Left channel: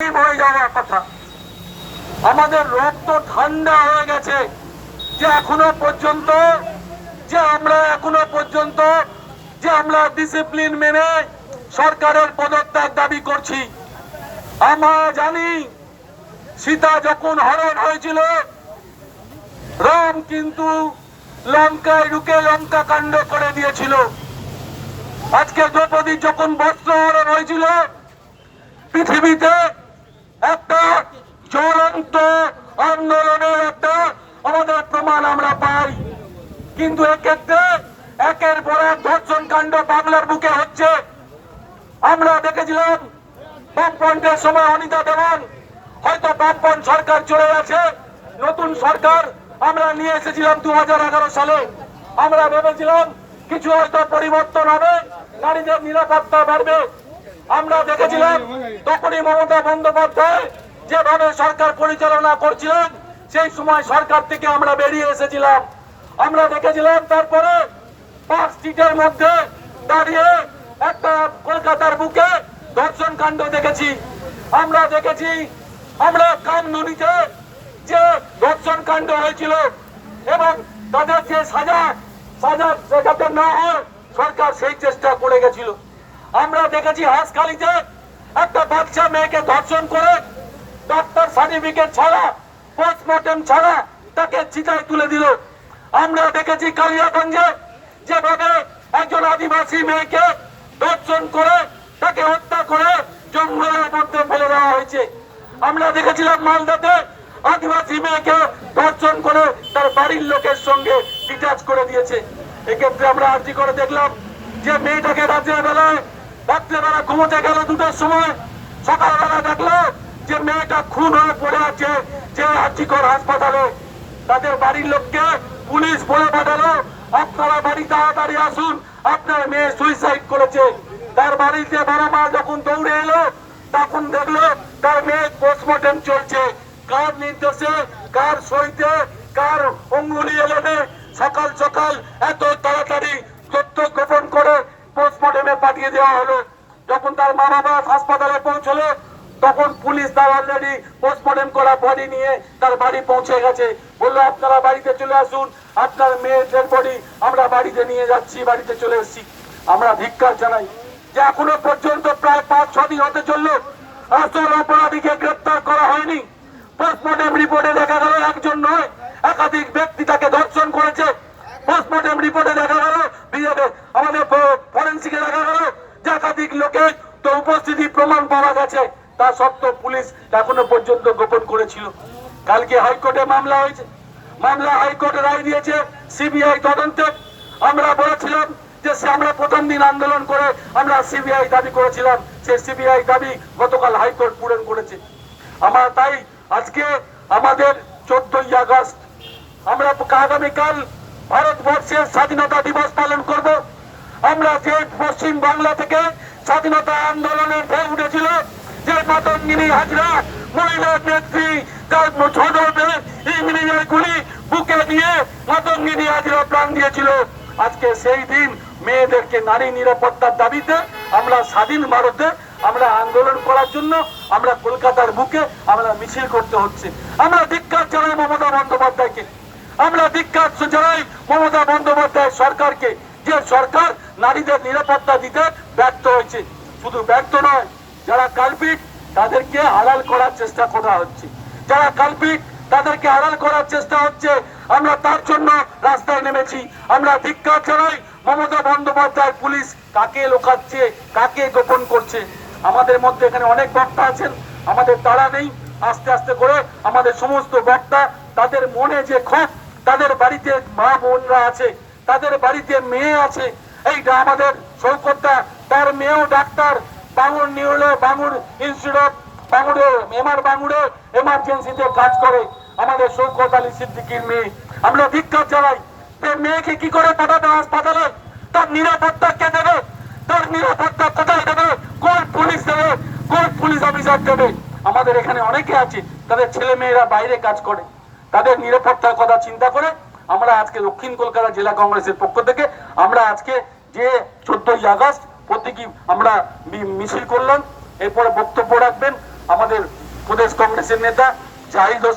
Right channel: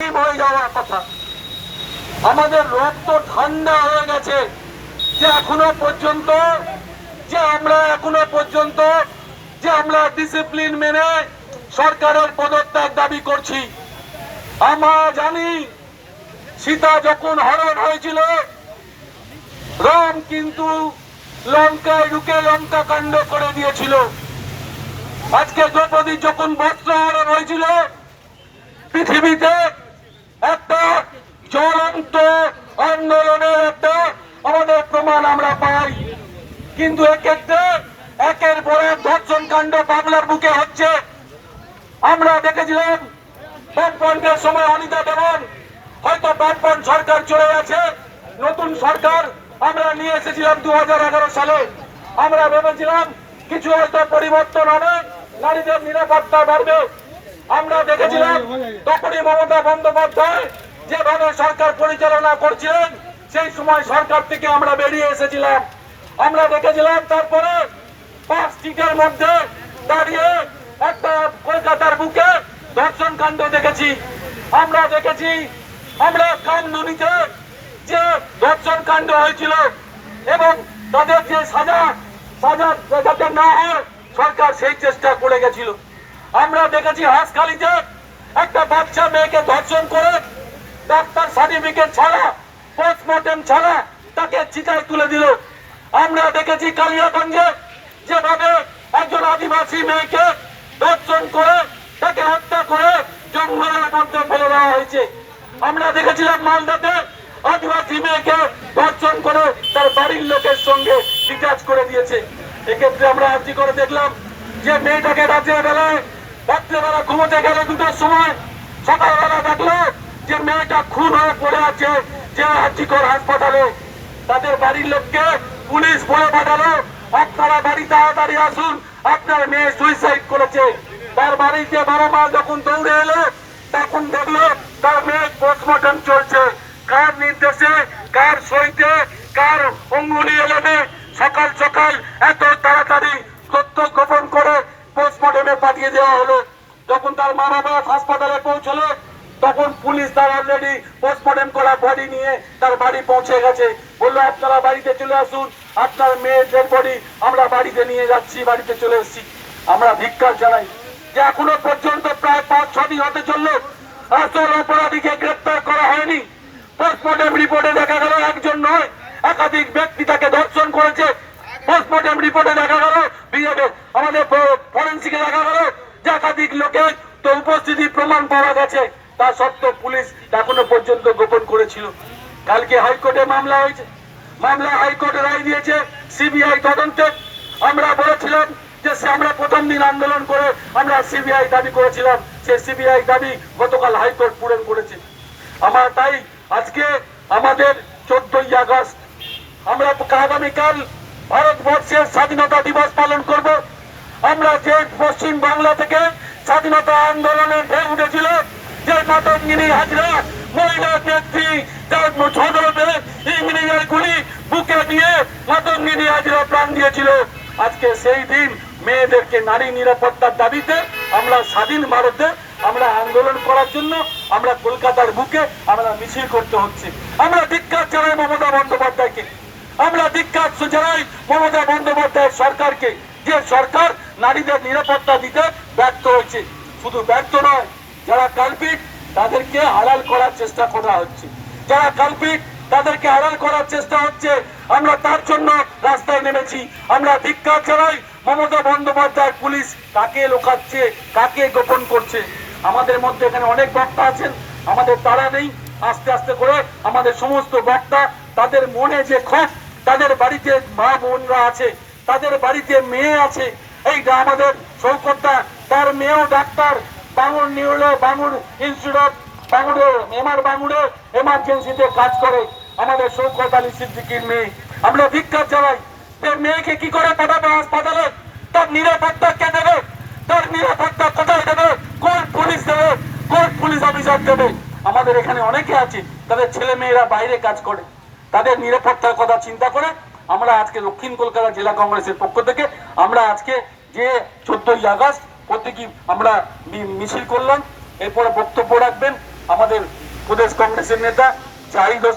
হয়ে যাওয়ার কথা। আমাদের রক্ত ঠান্ডা হয়ে গেছে যে এখনো পর্যন্ত আমরা ডিসিপ্লিন মেনে সরকারের পদত্যাগ দাবি করছি। আমরা জানি সীতা যখন হরণ হয়েছিল, রাম কিন্তু লঙ্কায় ঢুকে লঙ্কা কাণ্ড করে দিয়েছিল। আজকে দ্রৌপদী যখন বস্ত্র হরণ হয়েছিল, পৃথিবীতে একটা জ্বলন্ত আন্দোলনের একটা আমাদের প্রমাণ আমরা পাই। কিন্তু এক্ষেত্রে একের পর এক ধর্ষণ কাণ্ড বাংলার বুকে হচ্ছে। আমরা দেখেছিলাম বামফ্রন্টের সময় অনিতা দেওয়ান, হয়তো বামফ্রন্ট সরকার চলে গেছে, নতুন সরকার আমরা নিয়ে এসেছিলাম 2011 সালে। আমরা ভেবেছিলাম কিছু হয়তো পরিবর্তন হবে, নারীদের নিরাপত্তা বাড়বে। আমরা দেখেছিলাম তখনই মমতা বন্দ্যোপাধ্যায় যেভাবে সরকার পরিচালনা করছিলেন, সেই সময় সরকার থেকে আমরা বেরিয়ে এসেছিলাম। আমরা দেখেছিলাম তারপরে 5 সিটের মধ্যে দাঁড়িয়ে একটা কলকাতার বুকে ধর্ষণ কাণ্ড দেখেছি। আমরা কামনুনিতে যে ধর্ষণ কাণ্ড হয়েছিল এবং তাদের যে সাজা যাতে না হয় সরকার সেই চেষ্টা করে গেছিল। আমরা দেখেছি হাঁসখালিতে একটা বাচ্চা মেয়েকে ধর্ষণ করে ডাক্তার সার্টিফিকেট ছাড়া, পোস্টমর্টম ছাড়া তাকে চিতায় তুলে দিল। আমরা দেখেছি কালিয়াগঞ্জে যেভাবে একজন আদিবাসী মেয়েকে ধর্ষণ করে তাকে হত্যা করে জঙ্গলের মধ্যে ফেলে দেওয়া হয়েছে। আমরা দেখেছিলাম মালদাতে আদিবাসী মেয়েকে ধর্ষণ করে তার বাড়ির লোকের সঙ্গে ডিটাচ করে দিয়েছে। এক্ষেত্রে আমরা আর্জি করে দেখলাম যে মেয়েটাকে রাত্রেবেলা ঘুমোতে গেল 2টার সময়, সকালবেলা দেখলো যে মেয়েটা খুন হয়ে পড়ে আছে যে আর্জিকর হাসপাতালে। তাদের বাড়ির লোককে পুলিশ বলে পাঠালো, আপনারা বাড়ি তাড়াতাড়ি আসুন, আপনার মেয়ে সুইসাইড করেছে। তার বাড়িতে বাবা যখন দৌড়ে এলো, তখন দেখলো তার মেয়ে পোস্টমর্টম চলছে। কার নির্দেশে, কার সইতে, কার অঙ্গুলি এলোনে সকাল সকাল এত তাড়াতাড়ি তথ্য গোপন করে পোস্টমর্টমে পাঠিয়ে দেওয়া হলো। যখন তার মা বাবা হাসপাতালে পৌঁছলো, তখন পুলিশ তার অলরেডি পোস্টমর্টম করা বডি নিয়ে তার বাড়ি পৌঁছে গেছে। বললো আপনারা বাড়িতে চলে আসুন, আপনার মেয়ের ডেড বডি আমরা বাড়িতে নিয়ে যাচ্ছি, বাড়িতে চলে এসেছি। আমরা ধিক্কার জানাই যে এখনো পর্যন্ত প্রায় 5-6 দিন হতে চললো আসল অপরাধীকে গ্রেপ্তার করা হয়নি। পোস্টমর্টম রিপোর্টে দেখা গেল একজন নয়, একাধিক ব্যক্তি তাকে ধর্ষণ করেছে। পোস্টমর্টম রিপোর্টে দেখা গেল, আমাদের ফরেন্সিকে দেখা গেল যে একাধিক লোকের তো উপস্থিতি প্রমাণ পাওয়া গেছে। তা সত্ত্বেও পুলিশ এখনো পর্যন্ত গোপন করেছিল। কালকে হাইকোর্টে মামলা হয়েছে, হাইকোর্টে রায় দিয়েছে সিবিআই তদন্তে। আমরা বলেছিলাম যে আমরা প্রথম দিন আন্দোলন করে আমরা সিবিআই দাবি করেছিলাম, সেই সিবিআই দাবি গতকাল হাইকোর্ট পূরণ করেছে। তাই আজকে আমাদের 14ই আগস্ট আমরা আগামীকাল ভারতবর্ষের স্বাধীনতা দিবস পালন করব। আমরা যে পশ্চিম বাংলা থেকে স্বাধীনতা আন্দোলনের ঢেউ উঠেছিল, যে মাতঙ্গিনী হাজরা মহিলা নেত্রী যার ছোটবে ইংরেজের গুলি বুকে দিয়ে মাতঙ্গিনী হাজরা প্রাণ দিয়েছিল, আজকে সেই দিন মেয়েদেরকে নারী নিরাপত্তার দাবিতে আমরা স্বাধীন ভারতে আমরা আন্দোলন করার জন্য আমরা কলকাতার বুকে আমরা মিছিল করতে হচ্ছে। আমরা ধিক্কার জানাই মমতা বন্দ্যোপাধ্যায়কে, আমরা ধিক্কার জানাই মমতা বন্দ্যোপাধ্যায়ের সরকারকে, যে সরকার নারীদের নিরাপত্তা দিতে ব্যর্থ হয়েছে। শুধু ব্যর্থ নয়, যারা কালপিট তাদেরকে আড়াল করার চেষ্টা করা হচ্ছে, যারা কালপিট তাদেরকে আড়াল করার চেষ্টা হচ্ছে। আমরা তার জন্য রাস্তায় নেমেছি। আমরা ধিক্কার জানাই মমতা বন্দ্যোপাধ্যায় পুলিশ কাকে লোকাচ্ছে, কাকে গোপন করছে। আমাদের মধ্যে এখানে অনেক বক্তা আছেন, আমাদের তারা নেই। আস্তে আস্তে করে আমাদের সমস্ত বক্তা তাদের মনে যে ক্ষোভ, তাদের বাড়িতে মা বোনরা আছে, তাদের বাড়িতে মেয়ে আছে। এইটা আমাদের শৌকতদা, তার মেয়েও ডাক্তার, বাঙুর ইনস্টিটিউট বাঙুরে এমার্জেন্সিতে কাজ করে, আমাদের শৌকত আলী সিদ্দিকীর মেয়ে। আমরা ধিক্কার জানাই, মেয়েকে কি করে পাঠাবে হাসপাতালে? তার নিরাপত্তা কে দেবে? তার নিরাপত্তা কোথায় দেবে? কোন পুলিশ দেবে? কোন পুলিশ অফিসার দেবে? আমাদের এখানে অনেকে আছে, তাদের ছেলে মেয়েরা বাইরে কাজ করে, তাদের নিরাপত্তার কথা চিন্তা করে আমরা আজকে দক্ষিণ কলকাতা জেলা কংগ্রেসের পক্ষ থেকে আমরা আজকে যে 14ই আগস্ট প্রতীকী আমরা মিছিল করলাম। এরপরে বক্তব্য রাখবেন আমাদের প্রদেশ কংগ্রেসের নেতা জাহিদ হোসেন